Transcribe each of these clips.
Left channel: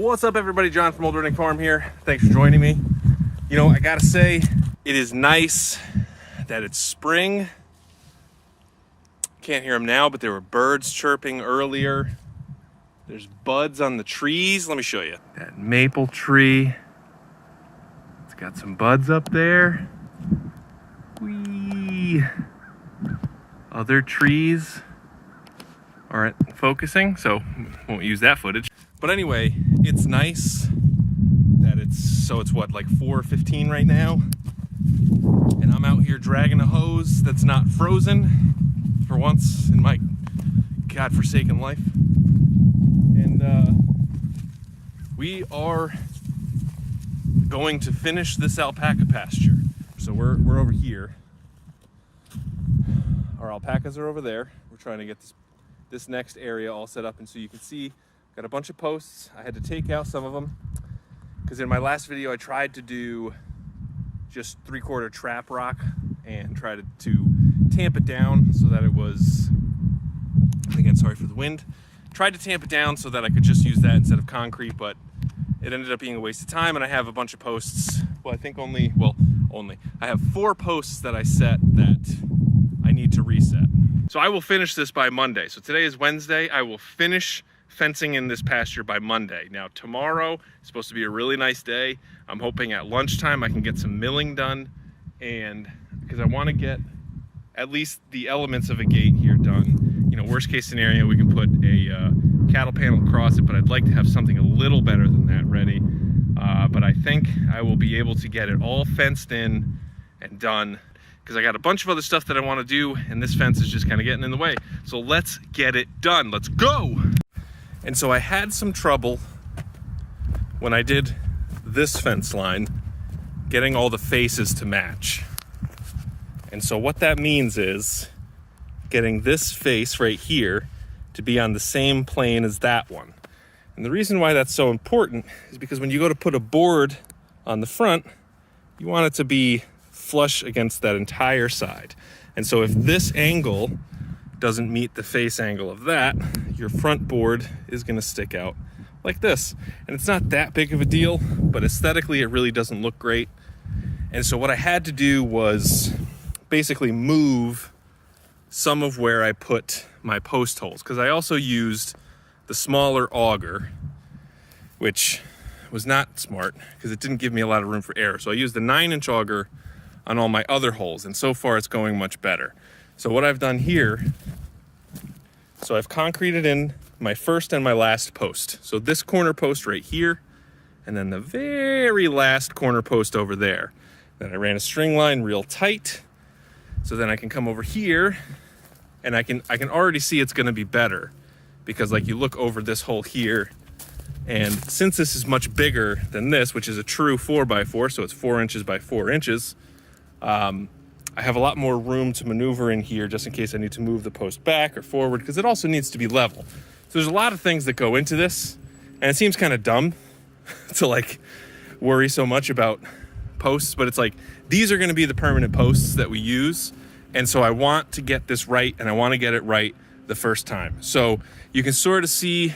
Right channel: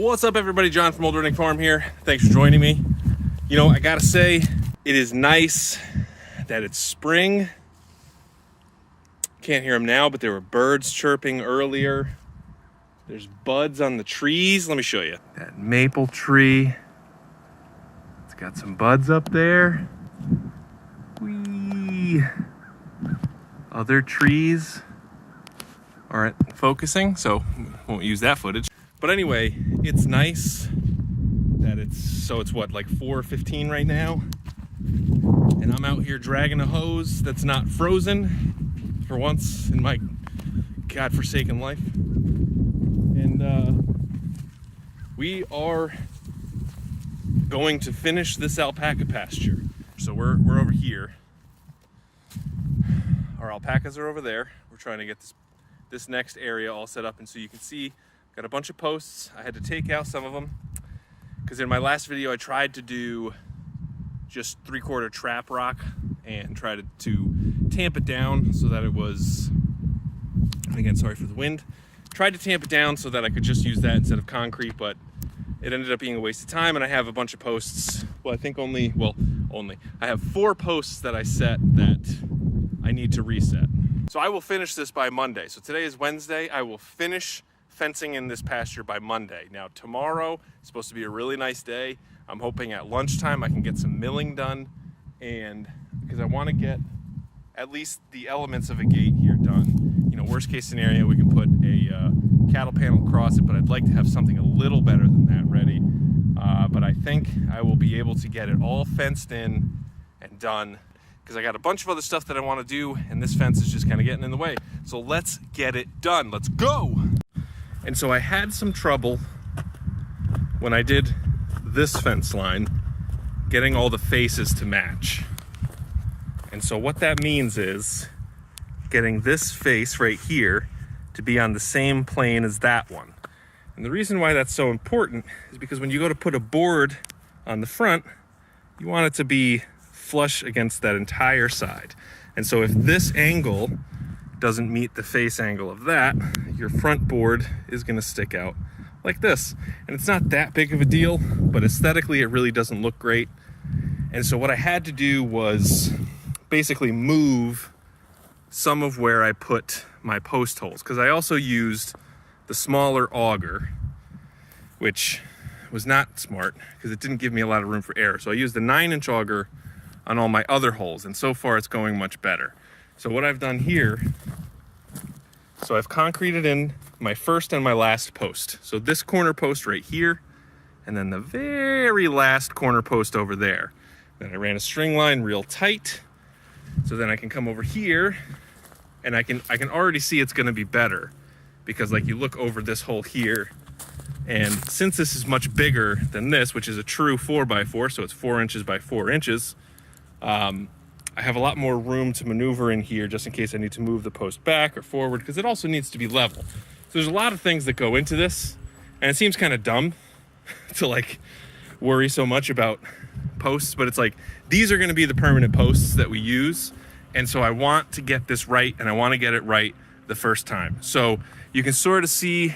What's up, everybody? John from Old Running Farm here. Thanks for joining me. You know, I gotta say, it is nice that it's spring. Can't hear them now, but there were birds chirping earlier. There's buds on the trees. Let me show you. That maple tree. It's got some buds up there. Whee! Other trees aren't focusing, so won't use that footage. But anyway, it's nice that it's what, like 4:15 right now, and I'm out here dragging a hose that's not frozen for once in my godforsaken life. And we are going to finish this alpaca pasture. So we're over here. Our alpacas are over there. We're trying to get this next area all set up, and so you can see got a bunch of posts. I had to take out some of them because in my last video I tried to do just 3/4 trap rock and tried to tamp it down so that it was, again, sorry for the wind, tried to tamp it down so that I could just use that instead of concrete, but it ended up being a waste of time. And I have a bunch of posts, well, I think I have 4 posts that I set that I need to reset. So I will finish this by Monday. So today is Wednesday. I will finish fencing in this pasture by Monday. Now tomorrow is supposed to be a really nice day. I'm hoping at lunchtime I can get some milling done, and because I want to get at least the elements of a gate here done. You know, worst case scenario, we can put a cattle panel across it, but I'd like to have something a little better than that ready. But I think I will be able to get it all fenced in and done, because I got a bunch of other stuff that I want to do, and this fence is just kind of getting in the way. So let's get it done. Let's go. And so I had some trouble when I did this fence line getting all the faces to match. And so what that means is getting this face right here to be on the same plane as that one. And the reason why that's so important is because when you go to put a board on the front, you want it to be flush against that entire side. And so if this angle doesn't meet the face angle of that, your front board is going to stick out like this. And it's not that big of a deal, but aesthetically it really doesn't look great. And so what I had to do was basically move some of where I put my post holes, because I also used the smaller auger, which was not smart because it didn't give me a lot of room for error. So I used the 9-inch auger on all my other holes, and so far it's going much better. So what I've done here, so I've concreted in my first and my last post. So this corner post right here, and then the very last corner post over there. Then I ran a string line real tight, so then I can come over here, and I can already see it's gonna be better, because like you look over this hole here, and since this is much bigger than this, which is a true 4x4, so it's 4 inches by 4 inches, I have a lot more room to maneuver in here just in case I need to move the post back or forward, because it also needs to be level. So there's a lot of things that go into this, and it seems kind of dumb to like worry so much about posts, but it's like, these are going to be the permanent posts that we use. And so I want to get this right, and I want to get it right the first time. So you can sort of see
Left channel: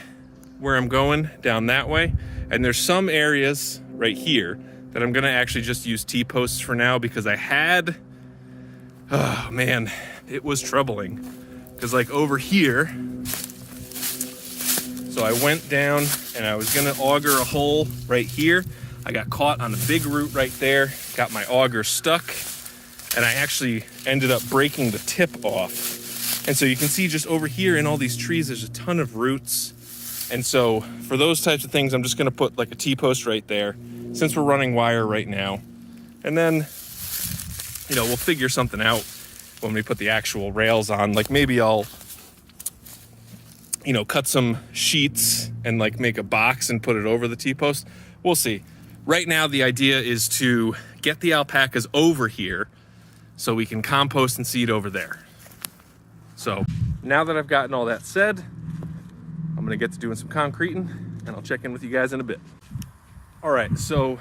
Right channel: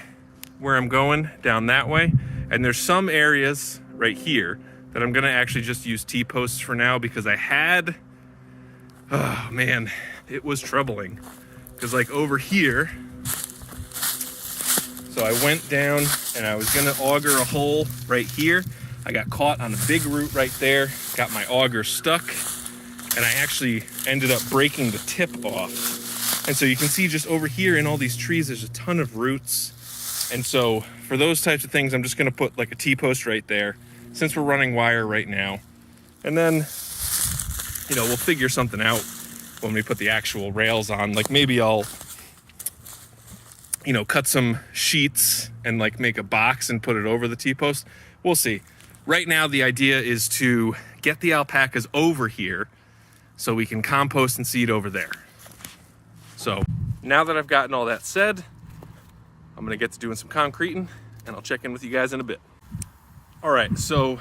where I'm going down that way. And there's some areas right here that I'm going to actually just use T-posts for now, because I had, oh man, it was troubling. Because like over here, so I went down and I was going to auger a hole right here. I got caught on a big root right there, got my auger stuck, and I actually ended up breaking the tip off. And so you can see just over here in all these trees, there's a ton of roots. And so for those types of things, I'm just gonna put like a T-post right there, since we're running wire right now. And then, you know, we'll figure something out when we put the actual rails on. Like maybe I'll, you know, cut some sheets and like make a box and put it over the T-post. We'll see. Right now, the idea is to get the alpacas over here so we can compost and seed over there. So now that I've gotten all that said, I'm gonna get to doing some concreting, and I'll check in with you guys in a bit. All right, so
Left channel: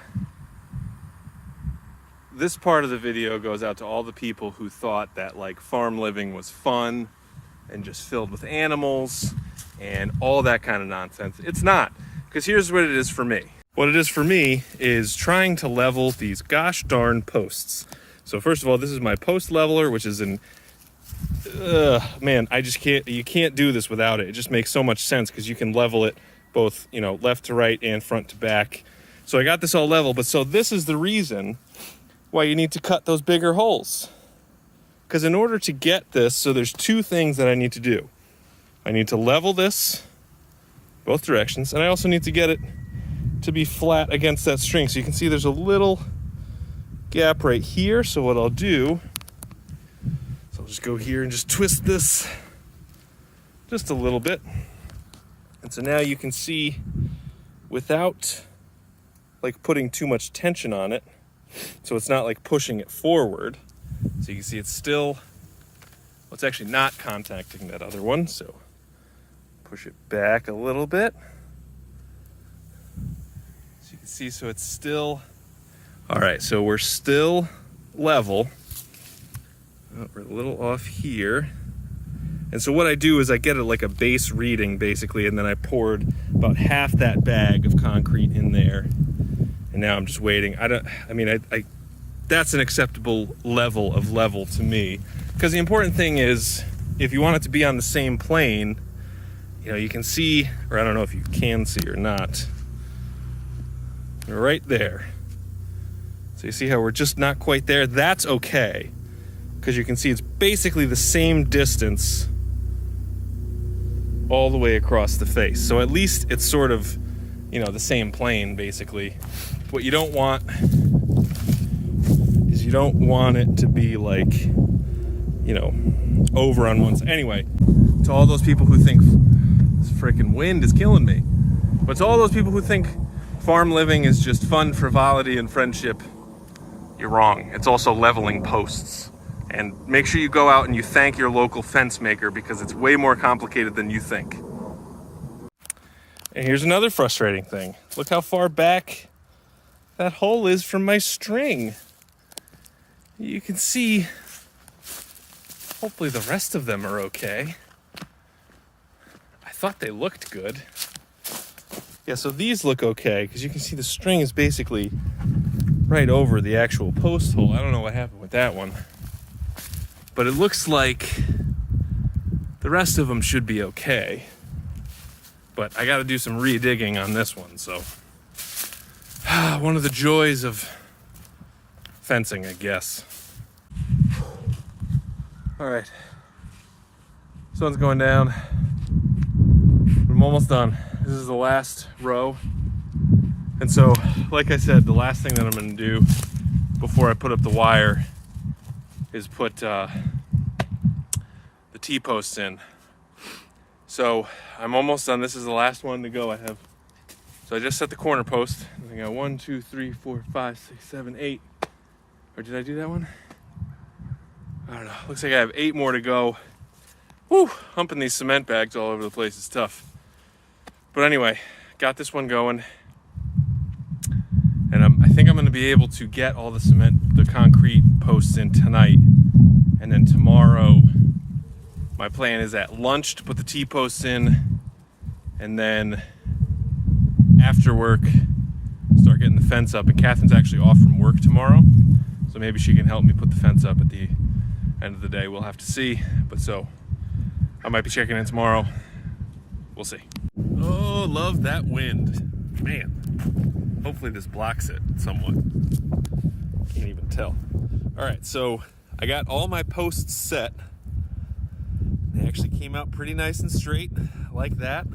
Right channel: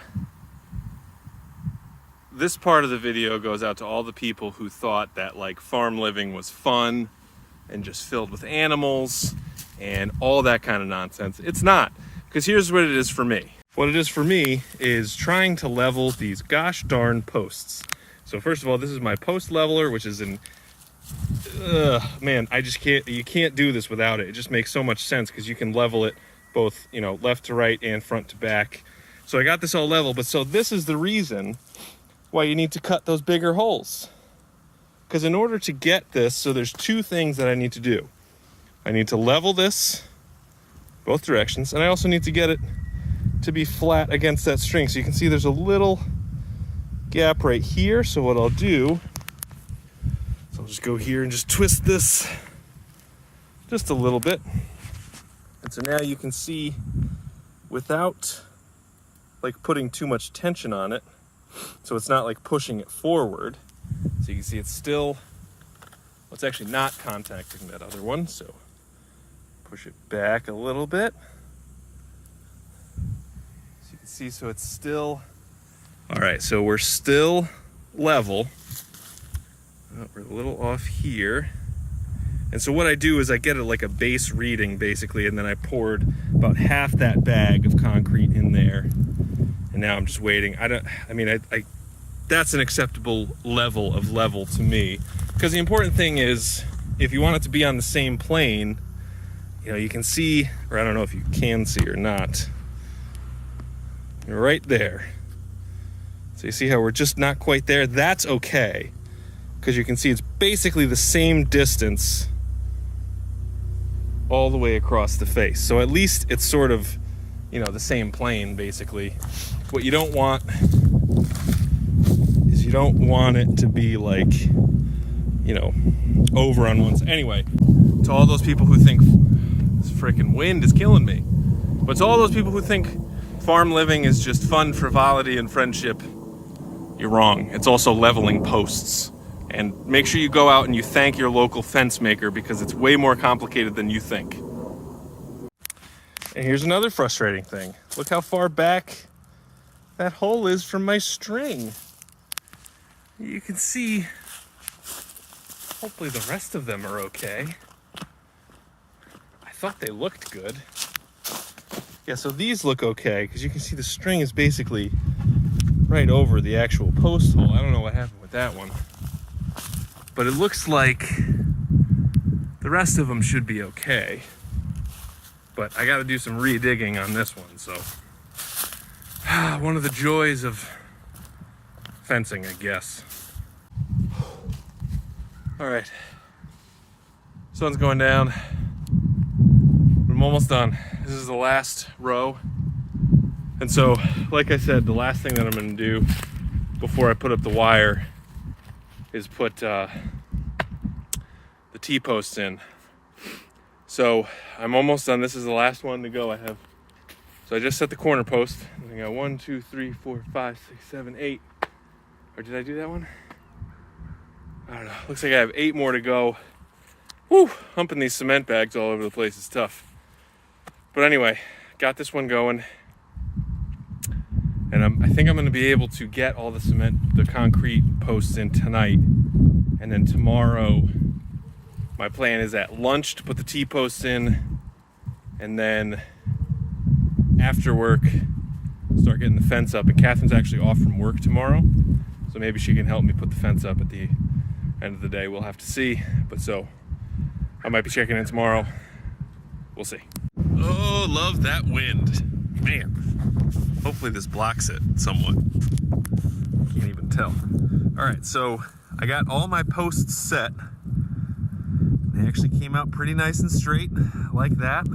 this part of the video goes out to all the people who thought that like farm living was fun and just filled with animals and all that kind of nonsense. It's not, Because here's what it is for me. What it is for me is trying to level these gosh darn posts. So first of all, this is my post leveler, which is an, man, I just can't, you can't do this without it. It just makes so much sense because you can level it both, you know, left to right and front to back. So I got this all level, but so this is the reason why you need to cut those bigger holes. Because in order to get this, so there's two things that I need to do. I need to level this both directions, and I also need to get it to be flat against that string. So you can see there's a little gap right here. So what I'll do, so I'll just go here and just twist this just a little bit. And so now you can see without like putting too much tension on it, so it's not like pushing it forward. So you can see it's still, well, it's actually not contacting that other one. So push it back a little bit. So you can see, so it's still, all right, so we're still level. Oh, we're a little off here. And so what I do is I get it like a base reading basically, and then I poured about half that bag of concrete in there. And now I'm just waiting. That's an acceptable level of level to me. Because the important thing is, if you want it to be on the same plane, you know, you can see, or I don't know if you can see or not, right there. So you see how we're just not quite there? That's okay. Because you can see it's basically the same distance all the way across the face. So at least it's sort of, you know, the same plane basically. What you don't want is you don't want it to be like, you know, over on one side. Anyway, to all those people who think this freaking wind is killing me, but to all those people who think farm living is just fun, frivolity, and friendship, you're wrong. It's also leveling posts. And make sure you go out and you thank your local fence maker, because it's way more complicated than you think. And here's another frustrating thing. Look how far back that hole is from my string. You can see, hopefully the rest of them are okay. I thought they looked good. Yeah, so these look okay, because you can see the string is basically right over the actual post hole. I don't know what happened with that one. But it looks like the rest of them should be okay. But I got to do some re-digging on this one, so. One of the joys of fencing, I guess. All right. Sun's going down. I'm almost done. This is the last row. And so, like I said, the last thing that I'm going to do before I put up the wire is put the T-posts in. So I'm almost done. This is the last one to go. So I just set the corner post. I got 1, 2, 3, 4, 5, 6, 7, 8. Or did I do that one? I don't know. Looks like I have 8 more to go. Whew, humping these cement bags all over the place is tough. But anyway, got this one going. And I think I'm going to be able to get all the concrete posts in tonight. And then tomorrow, my plan is at lunch to put the T-posts in. And then after work, start getting the fence up. And Catherine's actually off from work tomorrow. So maybe she can help me put the fence up at the end of the day. We'll have to see. But so, I might be checking in tomorrow. We'll see. Oh, love that wind. Man. Hopefully this blocks it somewhat. Can't even tell. All right, so I got all my posts set. They actually came out pretty nice and straight, like that.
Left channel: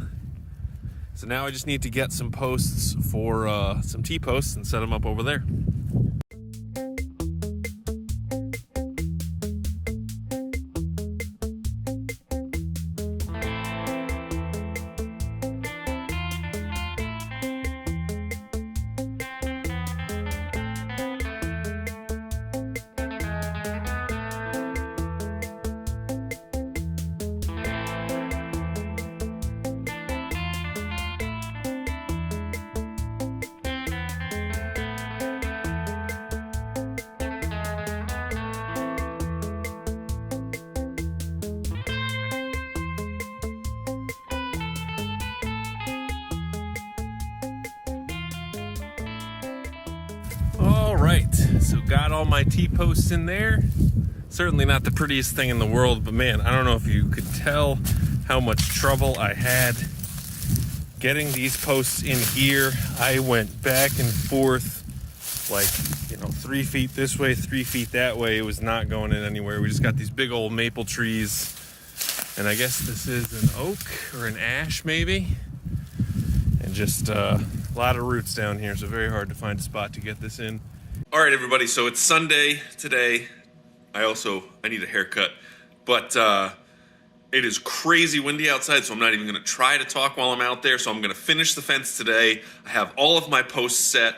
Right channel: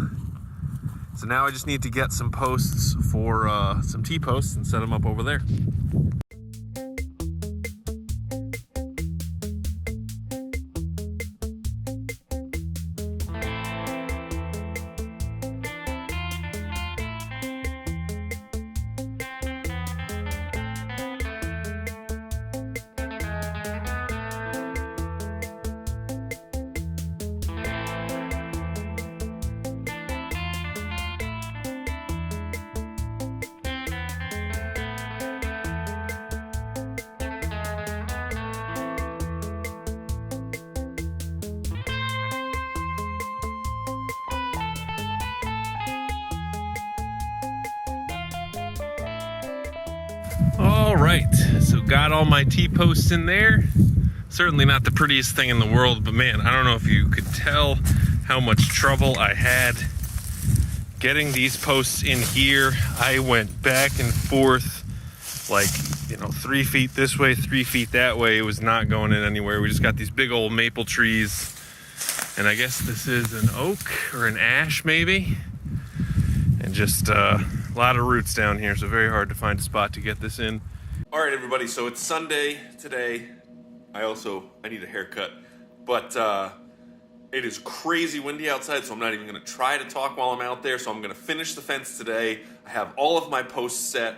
So now I just need to get some posts for some T-posts and set them up over there. All right, so got all my T-posts in there. Certainly not the prettiest thing in the world, but man, I don't know if you could tell how much trouble I had getting these posts in here. I went back and forth like, 3 feet this way, 3 feet that way. It was not going in anywhere. We just got these big old maple trees, and I guess this is an oak or an ash maybe, and just a lot of roots down here, so very hard to find a spot to get this in. All right, everybody, so it's Sunday today. I need a haircut, but it is crazy windy outside, so I'm not even gonna try to talk while I'm out there. So I'm gonna finish the fence today. I have all of my posts set.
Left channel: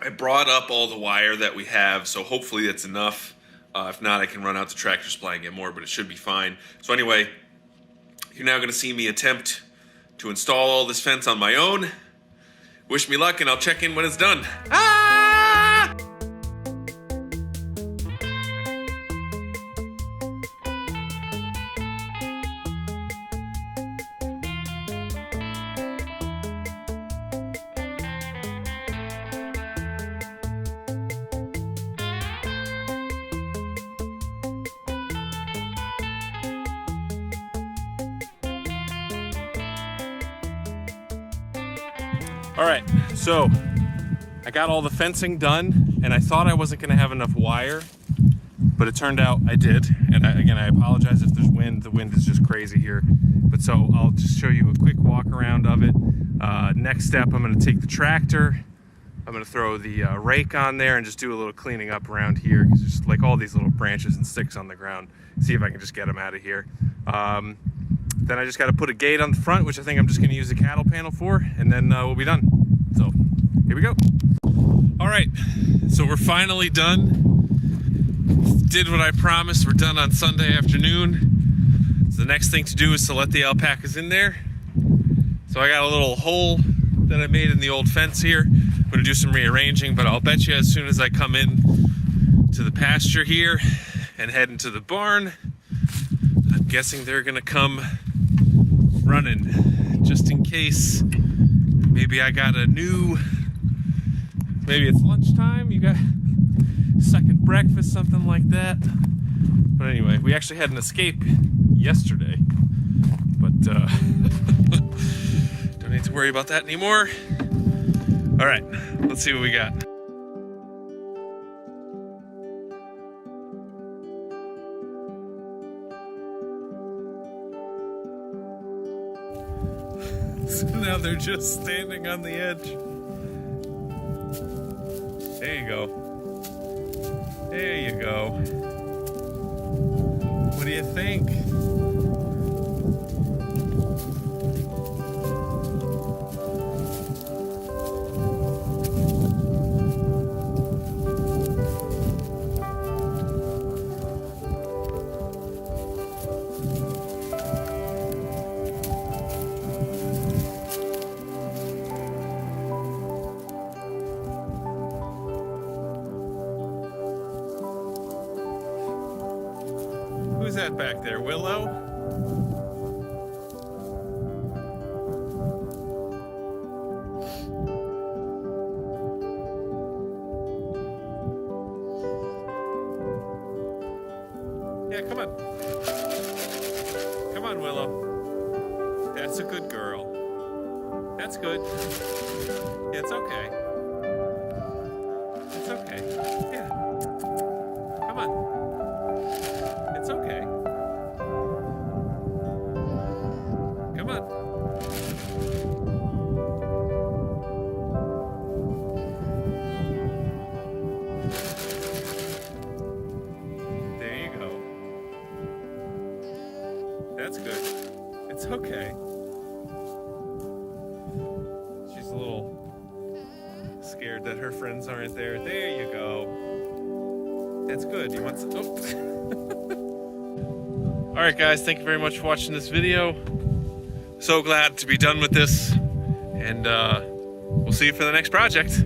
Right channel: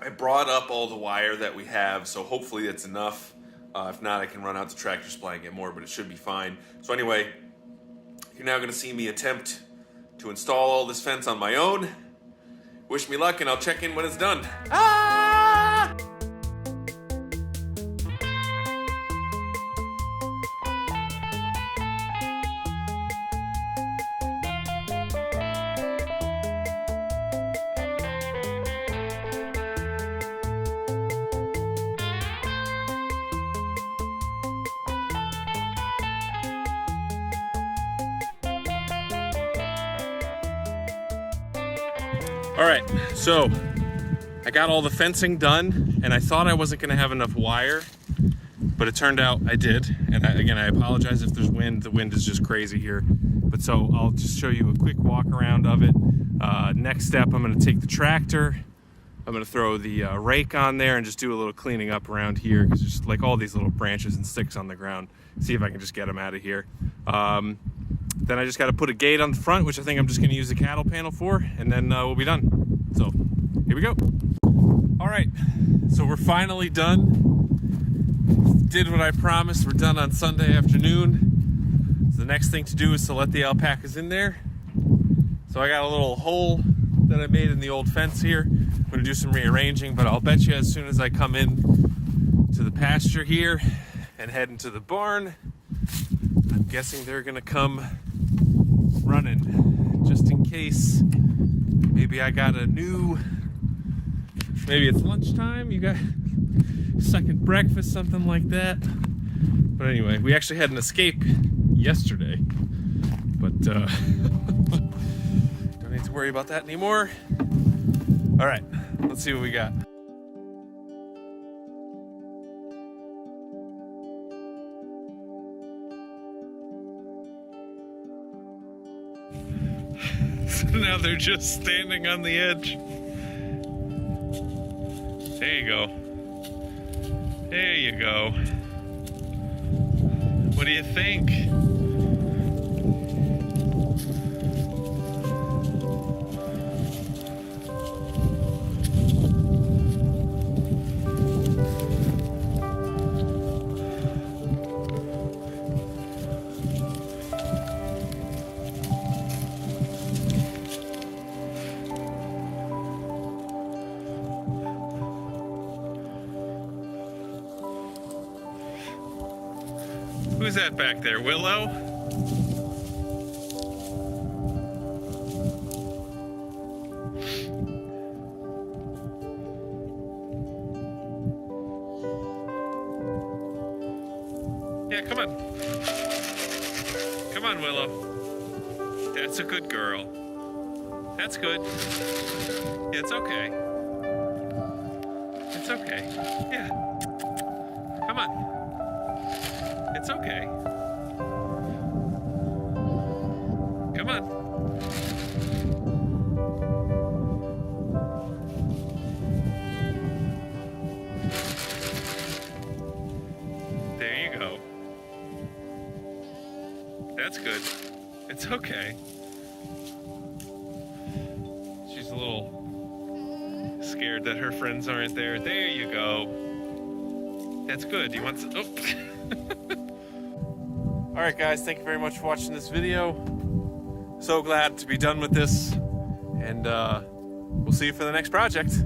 I brought up all the wire that we have, so hopefully that's enough. If not, I can run out to Tractor Supply and get more, but it should be fine. So anyway, you're now gonna see me attempt to install all this fence on my own. Wish me luck, and I'll check in when it's done. All right, so I got all the fencing done, and I thought I wasn't gonna have enough wire, but it turned out I did. And again, I apologize if there's wind. The wind is just crazy here. But so I'll just show you a quick walk around of it. Next step, I'm gonna take the tractor. I'm gonna throw the rake on there and just do a little cleaning up around here, because there's like all these little branches and sticks on the ground. See if I can just get them out of here. Then I just got to put a gate on the front, which I think I'm just going to use the cattle panel for, and then we'll be done. So here we go. All right, so we're finally done. Did what I promised. We're done on Sunday afternoon. So the next thing to do is to let the alpacas in there. So I got a little hole that I made in the old fence here. I'm going to do some rearranging, but I'll bet you as soon as I come in to the pasture here and head into the barn, I'm guessing they're going to come running, just in case maybe I got maybe it's lunchtime, you got second breakfast, something like that. But anyway, we actually had an escape yesterday, but don't need to worry about that anymore. All right, let's see what we got. Now they're just standing on the edge. There you go. There you go. What do you think? Who's that back there, Willow? Yeah, come on. Come on, Willow. That's a good girl. That's good. It's okay. It's okay. Yeah. Come on. It's okay. Come on. There you go. That's good. It's okay. She's a little scared that her friends aren't there. There you go. That's good. You want some? Oh. All right, guys, thank you very much for watching this video. So glad to be done with this, and we'll see you for the next project.